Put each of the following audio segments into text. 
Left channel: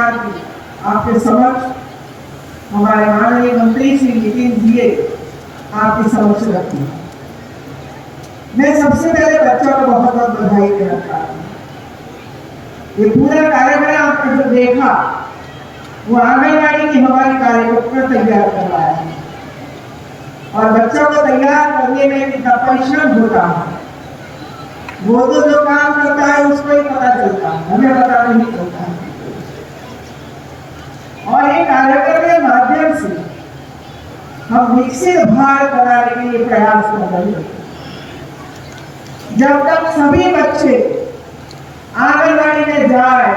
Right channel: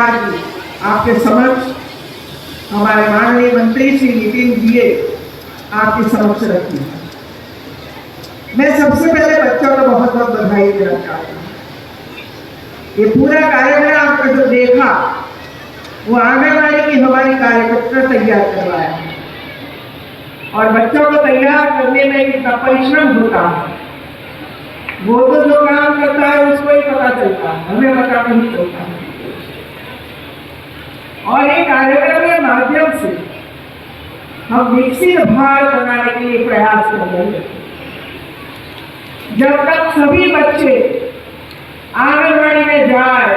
आज आपके समक्ष हमारे माननीय मंत्री श्री नितिन जी आपके समक्ष रखी। मैं सबसे पहले बच्चों को बहुत बहुत बधाई देना चाहता हूँ। ये पूरा कार्यक्रम आपने जो देखा वो आंगनबाड़ी की हमारी कार्यकर्ता तैयार करवाया है और बच्चों को तैयार करने में कितना परिश्रम होता है वो तो जो काम करता है उसको ही पता चलता है, हमें पता नहीं चलता है। और ये कार्यक्रम के माध्यम से हम विकसित भारत बनाने के लिए प्रयास कर रहे हैं। जब तक सभी बच्चे आंगनबाड़ी में जाए,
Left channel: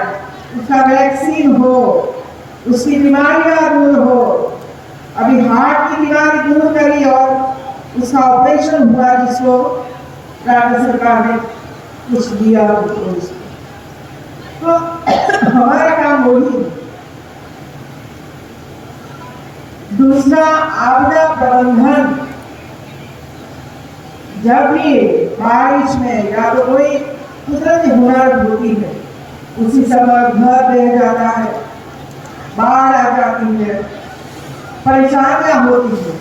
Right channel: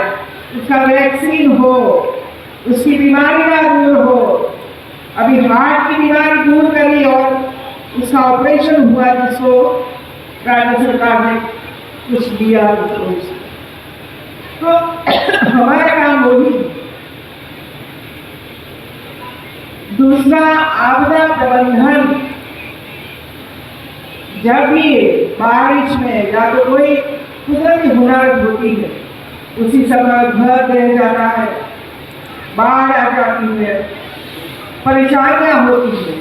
उसका वैक्सीन हो, उसकी बीमारियां दूर हो, अभी हार्ट की बीमारी दूर करी और उसका ऑपरेशन हुआ जिसको राज्य सरकार ने कुछ दिया तो हमारा काम वही। दूसरा, आपदा प्रबंधन। जब भी बारिश में या तो कोई कुदरती हुनर होती है, उसी समय घर बह जाता है, बाढ़ आ जाती है, परेशानियां होती है,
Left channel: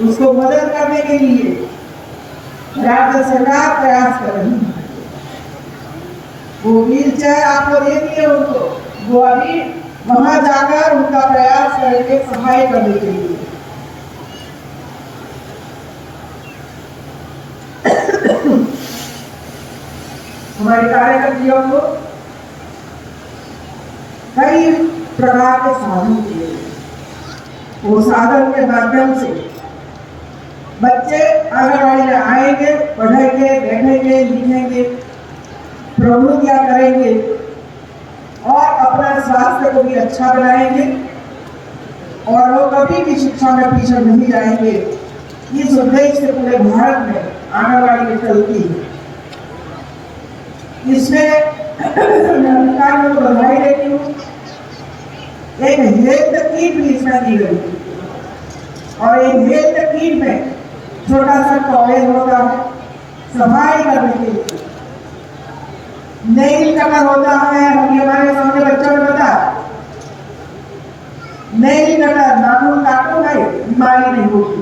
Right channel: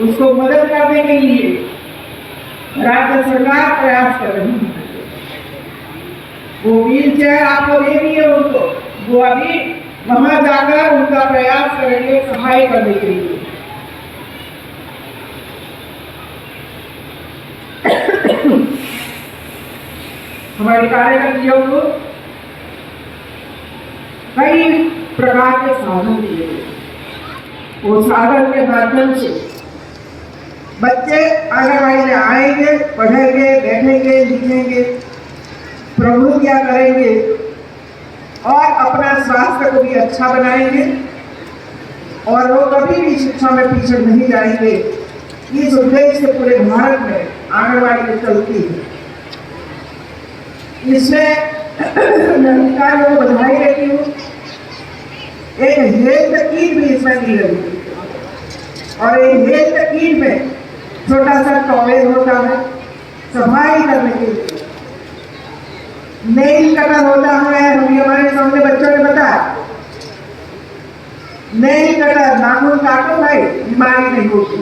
उसको मदद करने के लिए राज्य सरकार प्रयास कर रही है। वो व्हील चेयर आपको दे दिए उनको, वो अभी वहां जाकर उनका प्रयास करेंगे सहाय करने के लिए। हमारे कार्यकर्ताओं को कई प्रकार के साधन दिए गए। वो साधन के माध्यम से बच्चे आंगनबाड़ी में आएंगे, पढ़ेंगे, बैठेंगे, लिखेंगे, प्रवृत्तियां करेंगे और अपना स्वास्थ्य को भी अच्छा बनाएंगे और वो कभी भी शिक्षा में पीछे नहीं जाएंगे। इस उद्देश्य से पूरे भारत में आंगनबाड़ी में चलती है। इसमें अधिकारियों को बधाई देती हूँ। एक हेल्थ किट भी इसमें दी गई और एक हेल्थ किट में छोटा सा टॉवेल होता है सफाई करने के लिए, नेल कटर होता है। हम हमारे सामने बच्चों ने बताया नेल कटर, नाखून काटो भाई, बीमारी नहीं होती।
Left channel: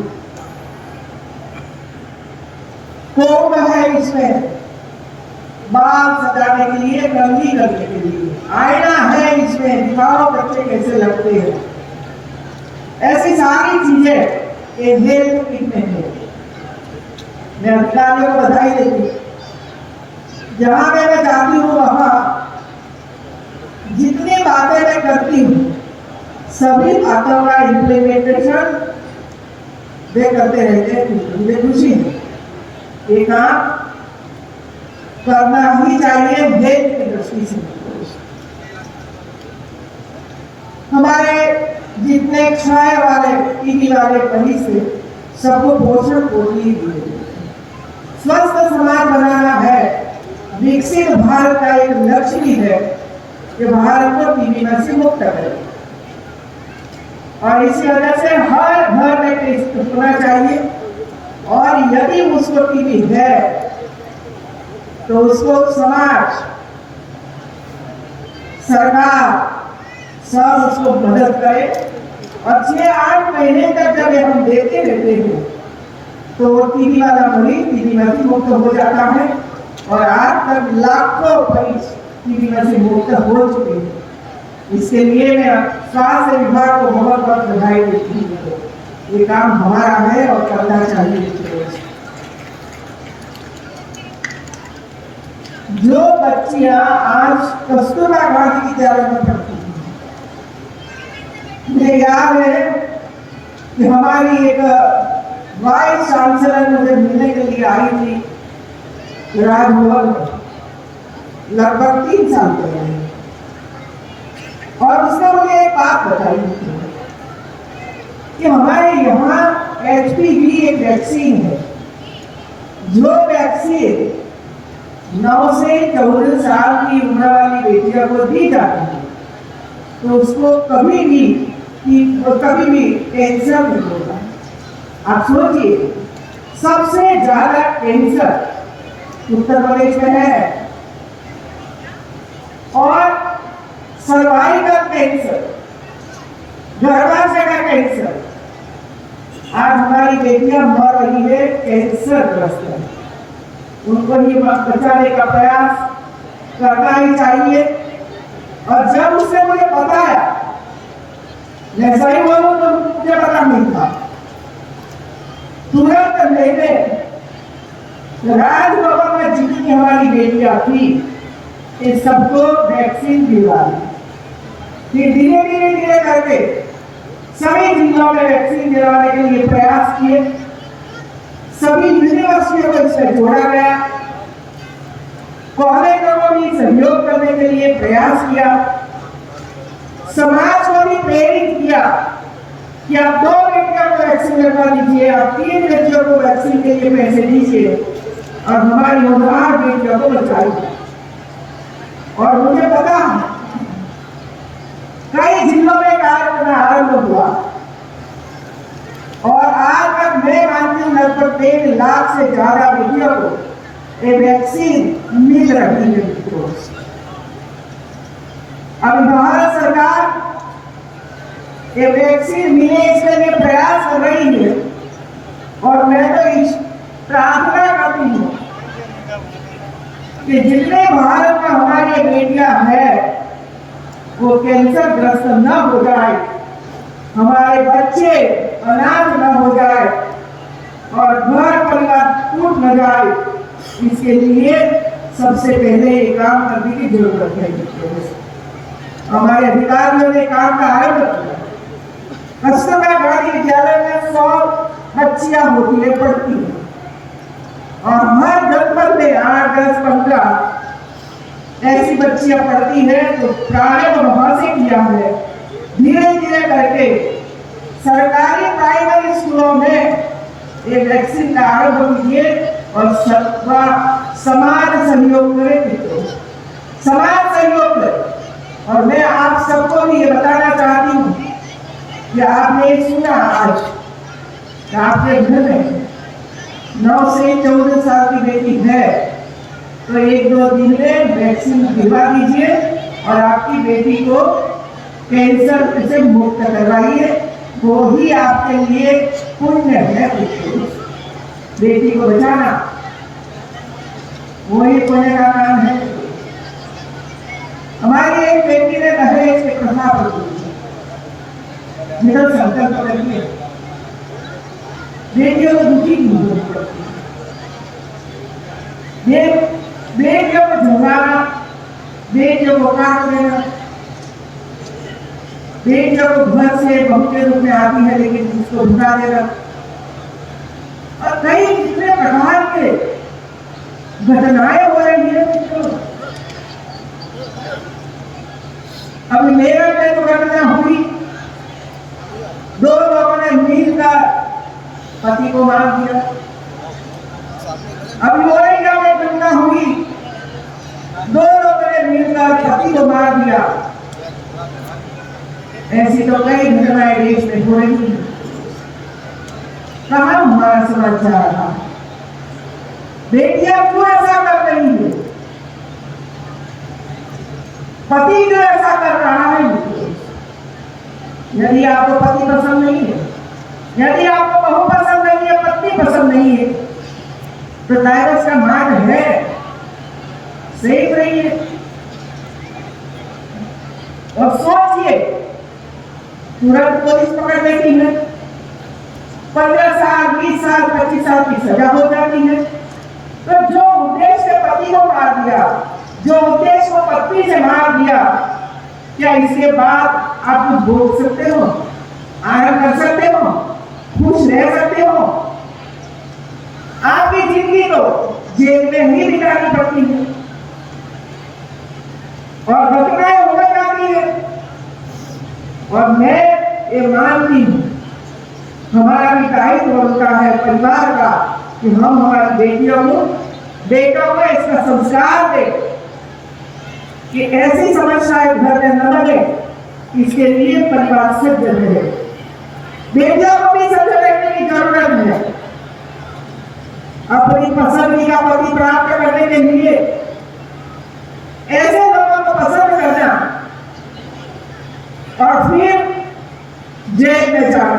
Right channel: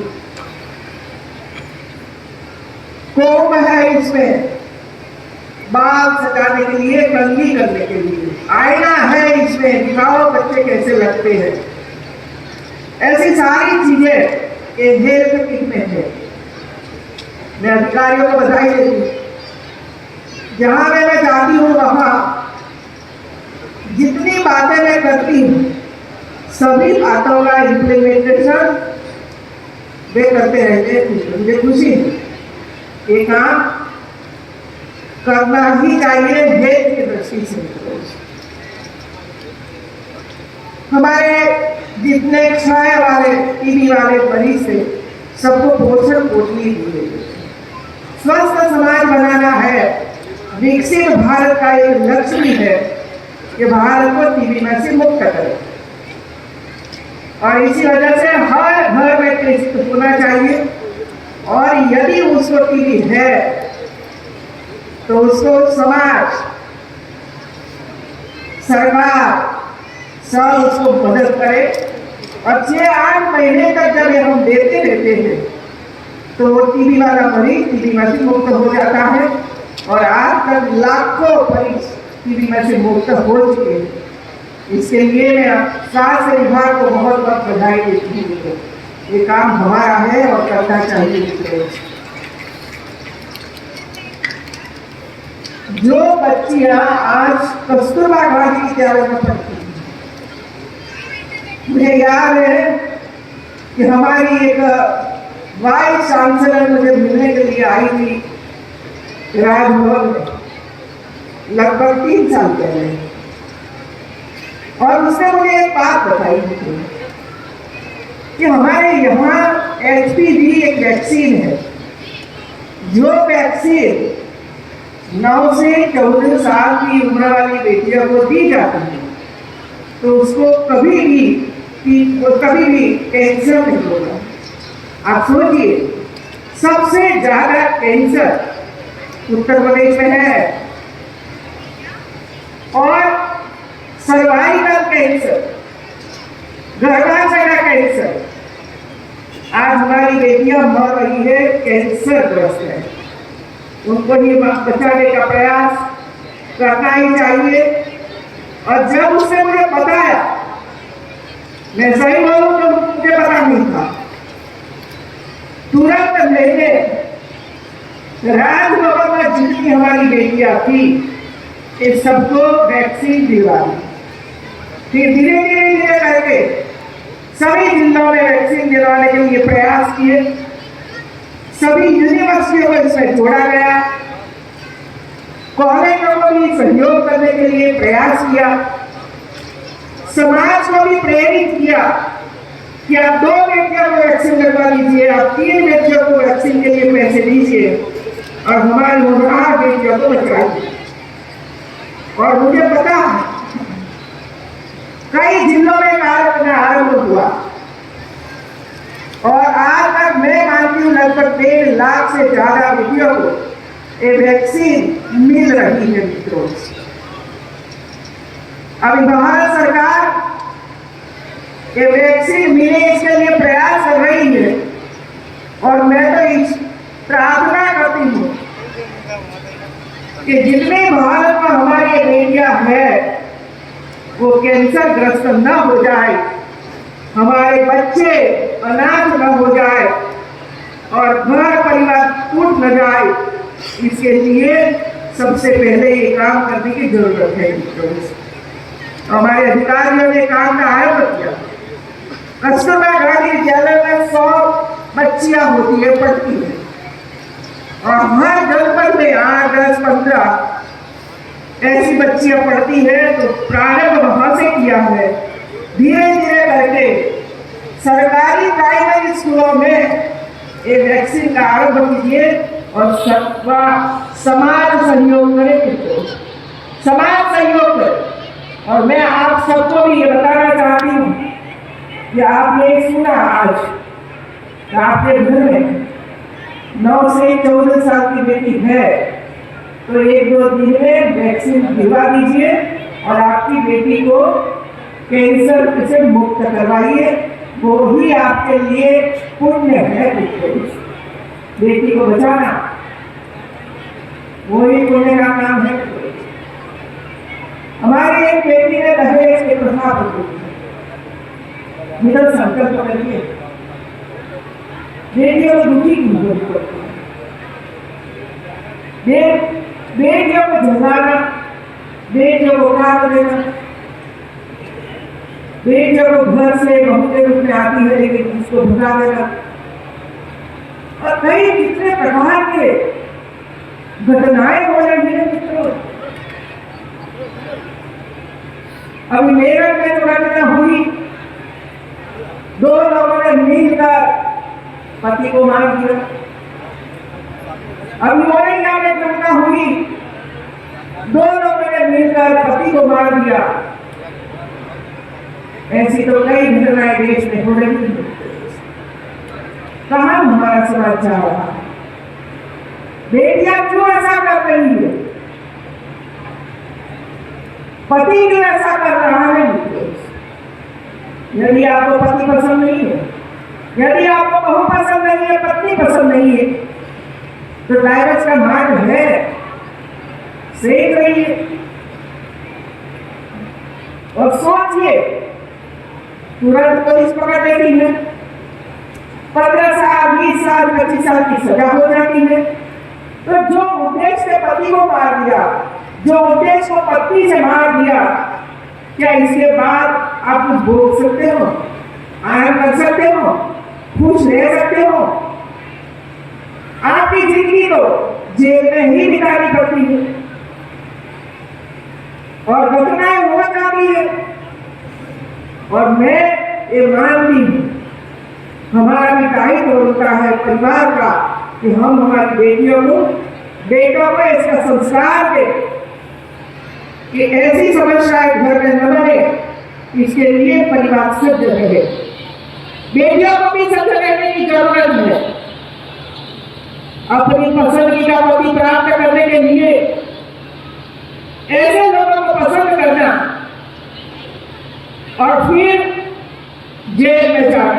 कोम है इसमें बाल सजाने के लिए, कंघी करने के लिए। आईना है इसमें, दिखाओ बच्चे कैसे लगते हैं। ऐसी सारी चीजें ये हेल्थ किट में है। मैं अधिकारियों को बधाई देती हूँ। जहां मैं जाती हूँ वहां जितनी बातें मैं करती हूँ सभी बातों का इम्प्लीमेंटेशन वे करते रहते हैं। मुझे खुशी है। ये काम करना ही चाहिए हेल्थ की दृष्टि से। हमारे जितने क्षय वाले, टीबी वाले मरीज थे सबको पोषण पोषणी दिए। स्वस्थ समाज बनाना है। विकसित भारत का एक लक्ष्य भी है कि भारत को टीबी में से मुक्त करें और इसी वजह से हर घर में टेस्ट होना चाहिए और यदि उसको टीबी है तो उसको समाज, सरकार सब उसको मदद करे और 6-8 महीने तक जब हम देते रहते हैं तो टीबी वाला मरीज टीबी में से मुक्त हो जाता है और आज तक लाखों मरीज टीबी में से मुक्त हो चुके हैं। इसके लिए मैं स्वास्थ्य विभाग को बहुत बहुत बधाई देती हूँ। ये काम हमारा है और करना चाहिए। जो बच्चियां आज कस्तूरबा गांधी विद्यालय में पढ़ती हैं, मुझे याद है कि हमारी एक वाइस चांसलर मुझे मिलने के लिए आई थी राजभवन में लगभग 3 साल पहले और उसने मुझे एक बात बताई थी कि हमारे यहाँ HPV एक वैक्सीन है। जो वैक्सीन 9 से 14 साल की उम्र वाली बेटियों को दी जाती है तो उसको कभी भी कैंसर नहीं होगा। आप सोचिए, सबसे ज्यादा कैंसर उत्तर प्रदेश में है और सर्वाइव कैंसर, गर्भाशय का कैंसर, आज हमारी बेटियां मर रही है, कैंसर ग्रस्त है। उनको ही बचाने का प्रयास करना ही चाहिए। और जब उसने मुझे बताया, मैं सही बोलूं तो मुझे पता नहीं था, तुरंत मैंने राजभवन में जितनी हमारी बेटियां थी ये सबको वैक्सीन दिलवा दी। फिर धीरे धीरे करके सभी जिलों में वैक्सीन दिलवाने के लिए प्रयास किए, सभी यूनिवर्सिटियों को इसमें जोड़ा गया, कॉलेजों को भी सहयोग करने के लिए प्रयास किया, समाज को भी प्रेरित किया कि आप 2 बेटियों को वैक्सीन लगवा दीजिए, आप 3 बेटियों को वैक्सीन के लिए पैसे दीजिए और हमारी नौजवान बेटियों को बचाइए। और मुझे पता है कई जिलों में कार्यक्रम आरंभ हुआ और आज तक मैं मानती हूँ लगभग 1.5 लाख से ज्यादा बेटियों को ये वैक्सीन मिल रही है। मित्रों, अभी भारत सरकार ये वैक्सीन मिले इसके लिए प्रयास कर रही है और मैं तो प्रार्थना करती हूँ कि जितने भारत में हमारी बेटियां हैं वो कैंसर ग्रस्त न हो जाए, हमारे बच्चे अनाथ न हो जाए और घर परिवार टूट न जाए, इसके लिए सबसे पहले ये काम करने की जरूरत है। हमारे अधिकारियों ने काम का आयोजन किया। कस्तूरबा गांधी विद्यालय में 100 बच्चियां होती है, पढ़ती है और हर जनपद में 8, 10, 15 ऐसी बच्चियां पढ़ती है। तो प्रारंभ वहां से किया है, धीरे धीरे करके सरकारी प्राइमरी स्कूलों में ये वैक्सीन का आरंभ कीजिए और सबका समाज सहयोग करे, समाज सहयोग करे। और मैं आप सबको भी ये बताना चाहती हूँ कि आपने सुना आज आपके घर में 9 से 14 साल की बेटी है तो 1-2 दिन में वैक्सीन दिलवा दीजिए और आपकी बेटी को कैंसर से मुक्त करवाइए। वो ही आपके लिए पुण्य है। बेटी को बचाना वही पुण्य का काम है। हमारी एक बेटी ने दहेज के प्रथा पर मिलल संकल्प करिए, बेटियों को दुखी क्यों करती है, बेटियों को झुकाना, बेटियों को काट देना, बेटियों को घर से बहू के रूप में आती है लेकिन उसको भुला देना और कई कितने प्रकार के घटनाएं हो रही है। अभी मेरठ में जो घटना हुई, 2 लोगों ने मिलकर पति को मार दिया। अभी औरैया में घटना हुई, 2 लोगों ने मिलकर पति को मार दिया। ऐसी तो कई घटनाएं देश में हो रही है। कहां हमारा समाज जा रहा है? बेटियां क्यों ऐसा कर रही है? पति क्यों ऐसा कर रहा है? यदि आपको पति पसंद नहीं है, यदि आपको बहू पसंद नहीं है, पत्नी पसंद नहीं है, तो डाइवोर्स का मार्ग है, सही रहिए और सोचिए। तुरंत पुलिस पकड़ लेती है, 15 साल, 20 साल, 25 साल की सजा हो जाती है। तो जो उद्देश्य से पति को मार दिया, जो उद्देश्य को पत्नी से मार दिया, क्या इसके बाद आप कुछ भोग सकते हो, आराम कर सकते हो, खुश रह सकते हो? आपकी जिंदगी तो जेल में ही बितानी पड़ती है और घटनाएं हो जाती है। और मैं ये मानती हूँ हमारा भी दायित्व होता है परिवार का कि हम हमारी बेटियों को, बेटों को इसका संस्कार दें कि ऐसी समस्याएं घर में न बने, इसके लिए परिवार सज्ज रहे। बेटियों को भी सज्ज रहने की जरूरत है। अपनी पसंदीदा पति प्राप्त करने के लिए ऐसे लोगों को पसंद करना और फिर जेल में जाना,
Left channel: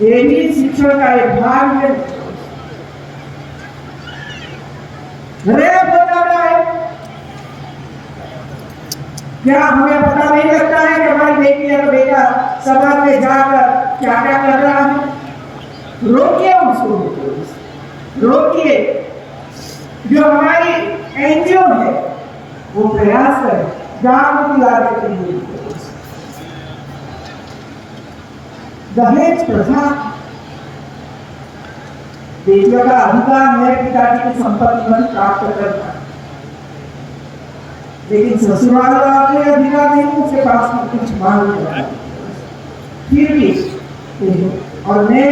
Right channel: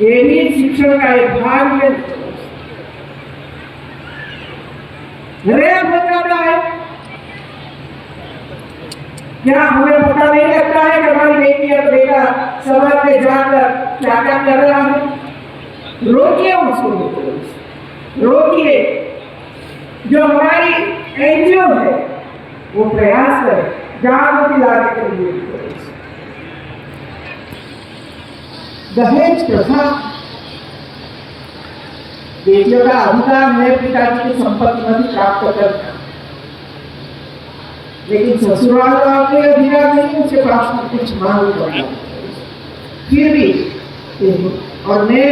ये भी शिक्षण का एक भाग है। रेप हो जाता है, क्या हमें पता नहीं लगता है कि हमारी बेटी और बेटा समाज में जाकर क्या क्या कर रहा है? रोकिए उसको, रोकिए। जो हमारी एनजीओ है वो प्रयास करे जागृति लाने के लिए। दहेज प्रथा बेटियों का अधिकार है पिताजी की संपत्ति में प्राप्त करना, लेकिन ससुराल का कोई अधिकार नहीं उसके पास कुछ मांग करना। फिर भी और मैं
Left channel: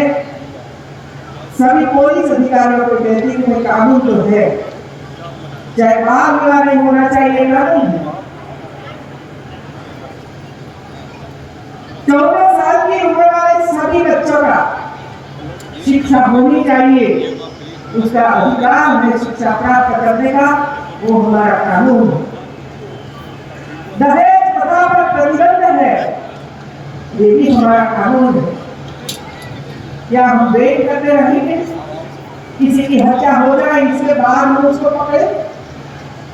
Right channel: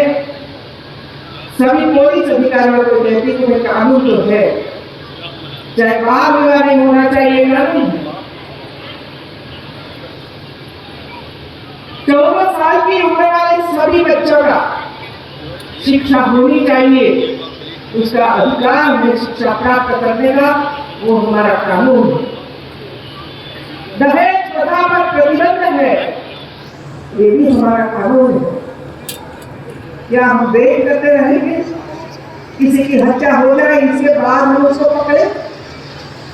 सभी पुलिस अधिकारियों को कहती हूँ कि कानून जो है, चाहे बाल विवाह नहीं होना चाहिए कानून है। 14 साल की उम्र वाले सभी बच्चों का शिक्षा होनी चाहिए, उसका अधिकार है शिक्षा प्राप्त करने का, वो हमारा कानून है। दहेज प्रथा पर प्रतिबंध है, ये भी हमारा कानून है। क्या हम देख करते रहेंगे किसी की हत्या हो जाए इसके बाद हम उसको पकड़े,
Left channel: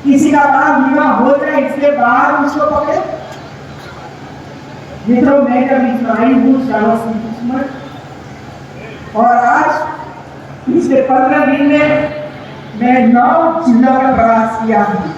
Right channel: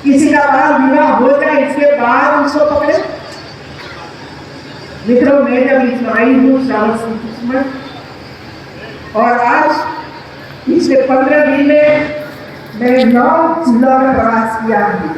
किसी का बाल विवाह हो जाए इसके बाद उसको पकड़े? मित्रों, मैं जब इसमें आई हूँ और आज पिछले 15 दिन में मैं 9 जिलों में प्रवास किया हूँ।